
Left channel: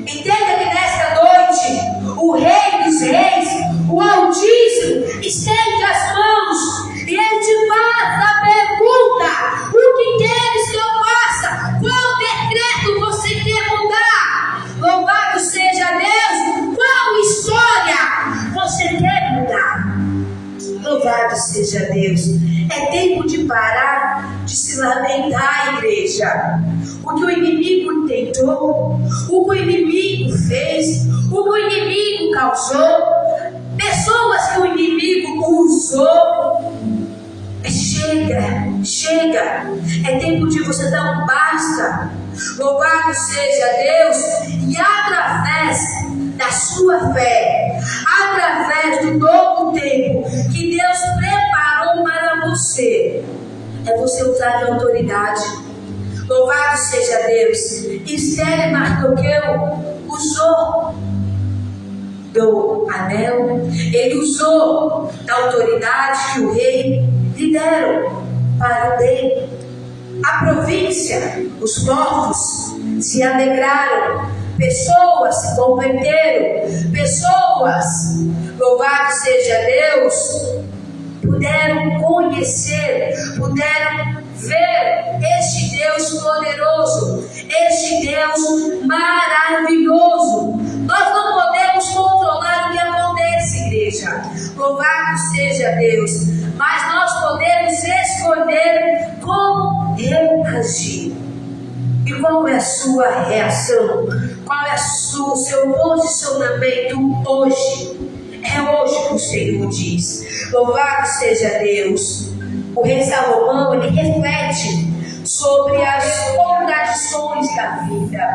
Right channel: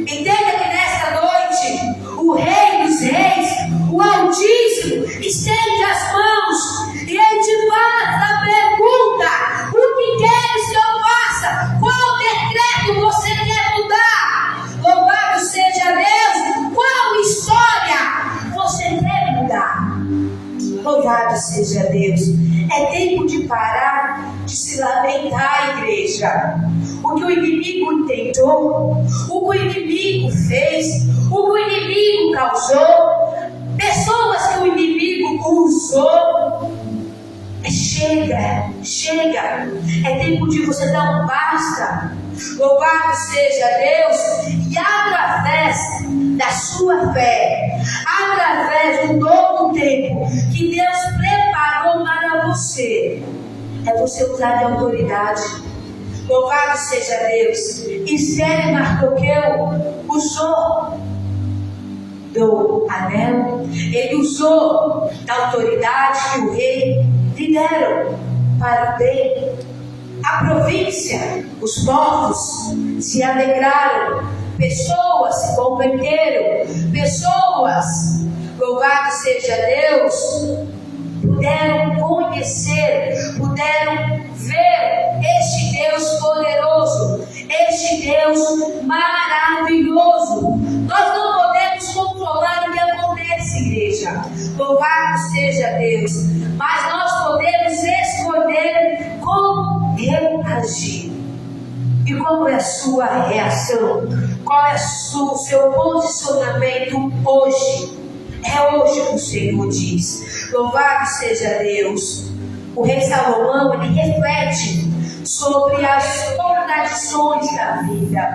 Entenda que nesta noite, o Rei dos Reis, o Altíssimo, estende as mãos e Ele te faz a pergunta: o que queres que eu faça? Qual decreto você quer mudar? Louvado seja Deus. Qual história você quer mudar? Louvado seja Deus. É tempo de parar de se lamentar, igreja. O que o inimigo tentou, o que o inimigo fez, o que o inimigo causou, pessoas que o inimigo usou. Chega. É tempo de você dar um basta. Louvado seja Deus. E através da sua fé, através do novo tempo que Deus preparou para você, é você usar de autoridade. Louvado seja Deus. Esther e Mardoqueu usou do anel, ele usou da autoridade que o rei lhe deram para o bem. A província, os povos se alegraram, pessoas se converteram, pessoas, louvado seja Deus, puderam conhecer, puderam ver este Deus poderoso, este Deus maravilhoso. Nós não podemos controlar o que acontece, igreja, louvado seja Deus, mas nós podemos escolher como reagir. E qual é a sua reação? Qual é o seu posicionamento hoje? É hoje que o Senhor diz. Louvado seja Deus. O rei Salomão, ele reflete sobre as contradições da vida.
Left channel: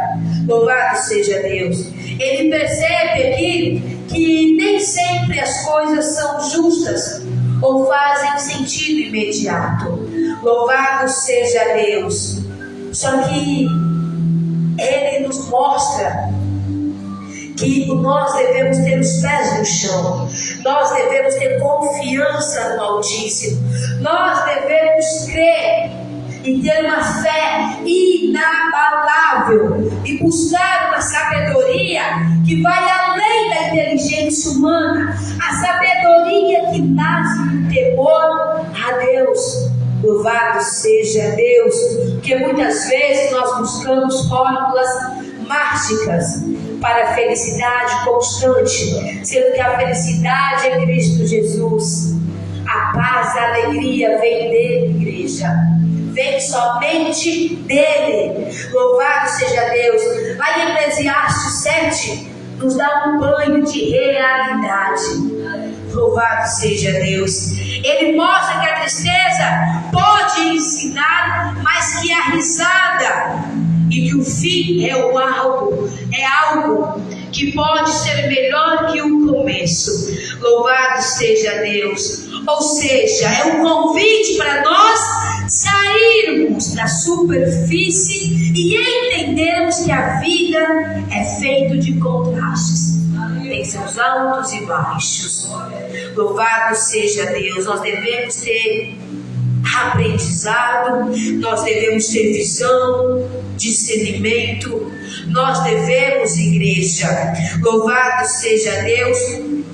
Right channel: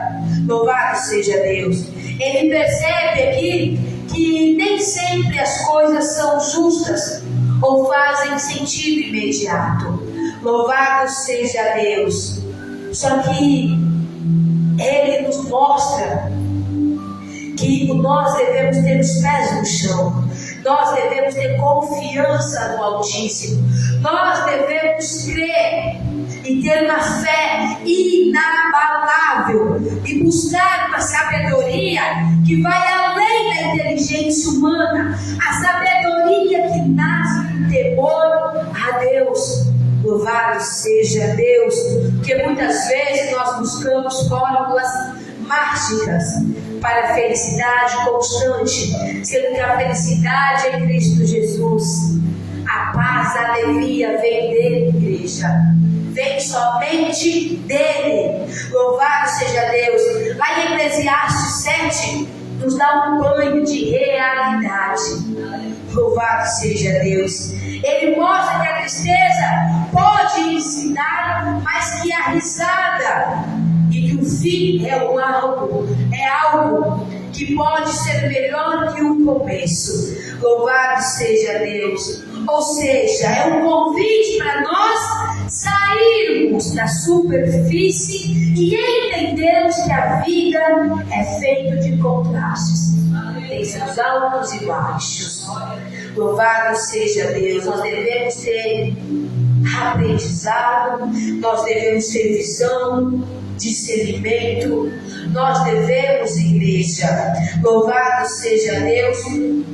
Louvado seja Deus. Ele percebe aqui que nem sempre as coisas são justas ou fazem sentido imediato. Louvado seja Deus. Só que Ele nos mostra que nós devemos ter os pés no chão, nós devemos ter confiança no Altíssimo, nós devemos crer e ter uma fé inabalável e buscar uma sabedoria que vai além da inteligência humana, a sabedoria que nasce do temor a Deus. Louvado seja Deus, que muitas vezes nós buscamos fórmulas mágicas para a felicidade constante, sendo que a felicidade é Cristo Jesus. A paz, a alegria vem dele, igreja. Vem somente dele. Louvado seja Deus. Lá em Eclesiastes 7 nos dá um banho de realidade. Louvado seja Deus. Ele mostra que a tristeza pode ensinar, mas que a risada e que o fim é algo que pode ser melhor que o começo. Louvado seja Deus. Ou seja, é um convite para nós sairmos da superfície e entendermos que a vida é feita de contrastes. Tem seus altos e baixos. Louvado seja Deus. Nós devemos ter aprendizado, nós devemos ter visão, discernimento, nós devemos, igreja, louvado seja Deus,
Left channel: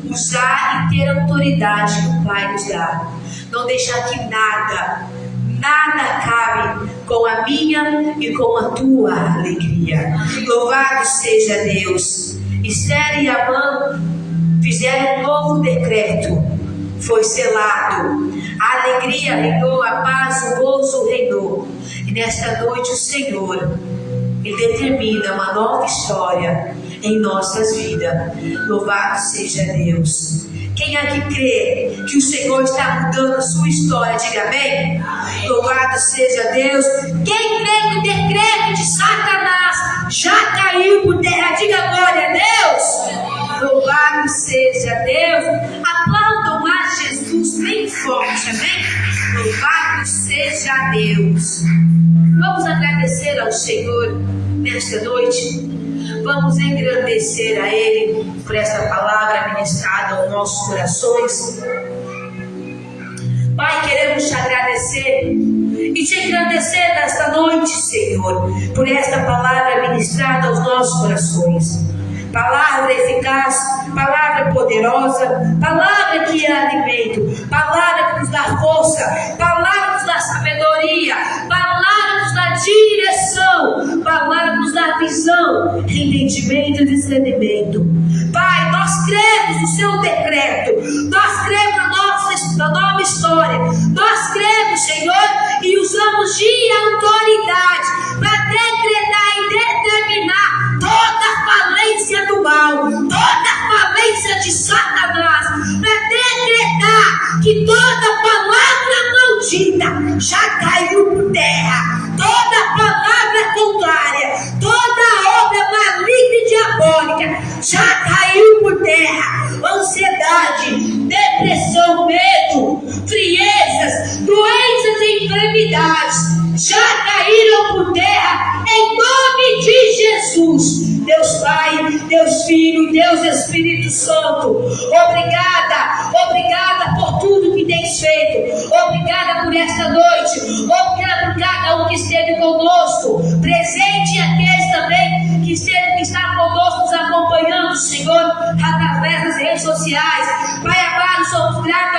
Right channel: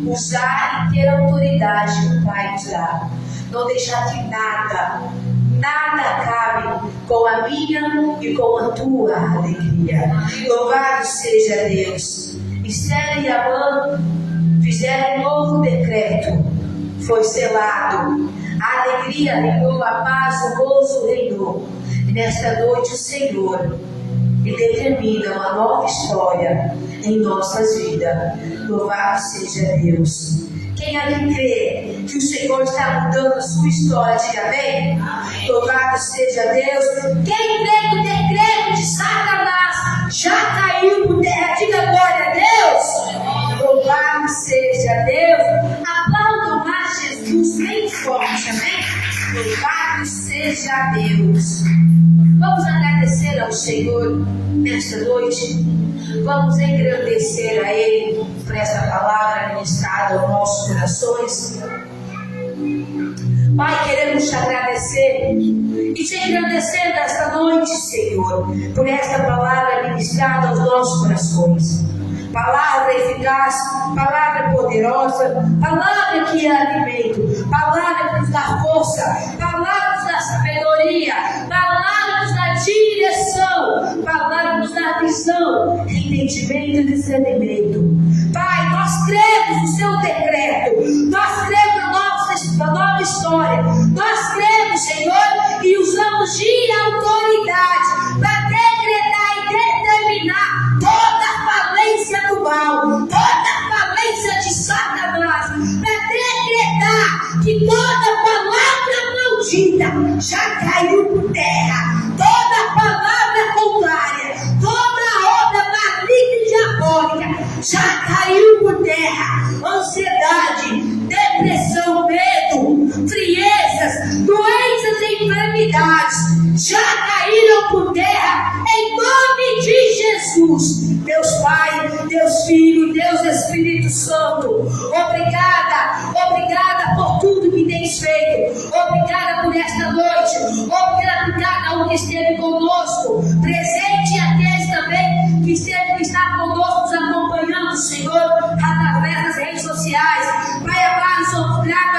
usar e ter a autoridade que o Pai nos dá. Não deixar que nada acabe com a minha e com a tua alegria. Louvado seja Deus. Esther e Amã fizeram um novo decreto, foi selado, a alegria reinou, a paz, o gozo reinou. E nesta noite o Senhor, Ele determina uma nova história em nossas vidas. Louvado seja Deus. Quem aqui crê que o Senhor está mudando a sua história, diga amém. Louvado seja Deus. Quem crê que o decreto de Satanás já caiu por terra, diga glória a Deus. Louvado seja Deus. Aplaudam a Jesus bem forte, amém? Louvado seja Deus. Vamos agradecer ao Senhor nesta noite. Vamos engrandecer a Ele por essa palavra ministrada aos nossos corações. Pai, queremos te agradecer e te engrandecer nesta noite, Senhor, por esta palavra ministrada aos nossos corações. Palavra eficaz, palavra poderosa, palavra que é alimento, palavra que nos dá força, palavra que nos dá sabedoria, palavra que nos dá direção, palavra que nos dá visão, entendimento e discernimento. Pai, nós cremos no seu decreto, nós cremos na nova história, nós cremos, Senhor, e usamos de autoridade para decretar e determinar toda a falência do mal, toda a falência de Satanás, para decretar que toda palavra maldita já caiu por terra, toda palavra contrária, toda obra maligna e diabólica já caiu por terra. Ansiedade, depressão, medo, friezas, doenças e enfermidades já caíram por terra em nome de Jesus. Deus Pai, Deus Filho, Deus Espírito Santo, obrigada por tudo que tens feito, obrigada por esta noite, obrigada por cada um que esteve conosco, presente e aqueles também que está conosco, nos acompanhando, Senhor, através das redes sociais. Pai amado, sou grata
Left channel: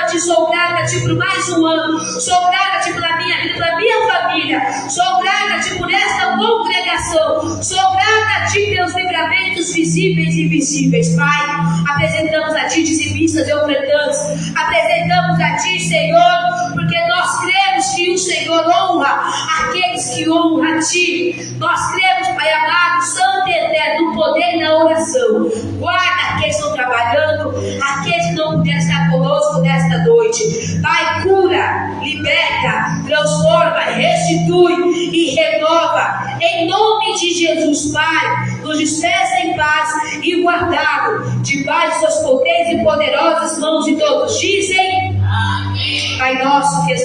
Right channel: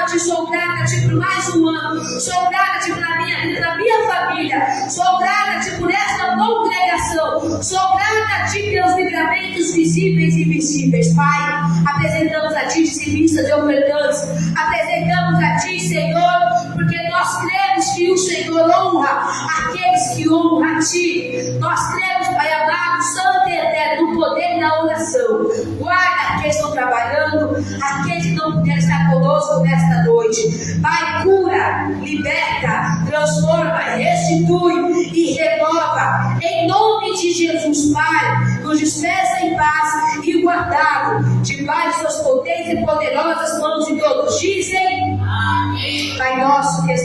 a Ti por mais um ano, sou grata a Ti pela minha vida, pela minha família, sou grata a Ti por esta congregação, sou grata a Ti pelos livramentos visíveis e invisíveis. Pai, apresentamos a Ti dizimistas e ofertantes, apresentamos a Ti, Senhor, porque nós cremos que o Senhor honra aqueles que honram a Ti. Nós cremos, Pai amado, santo e eterno, no poder da oração. Guarda aqueles que estão trabalhando, aqueles que não puderam estar conosco nesta noite. Pai, cura, liberta, transforma, restitui e renova salva. Em nome de Jesus, Pai, nos despeça em paz e guardado debaixo de suas potentes e poderosas mãos de todos. Dizem, Amém. Pai nosso que está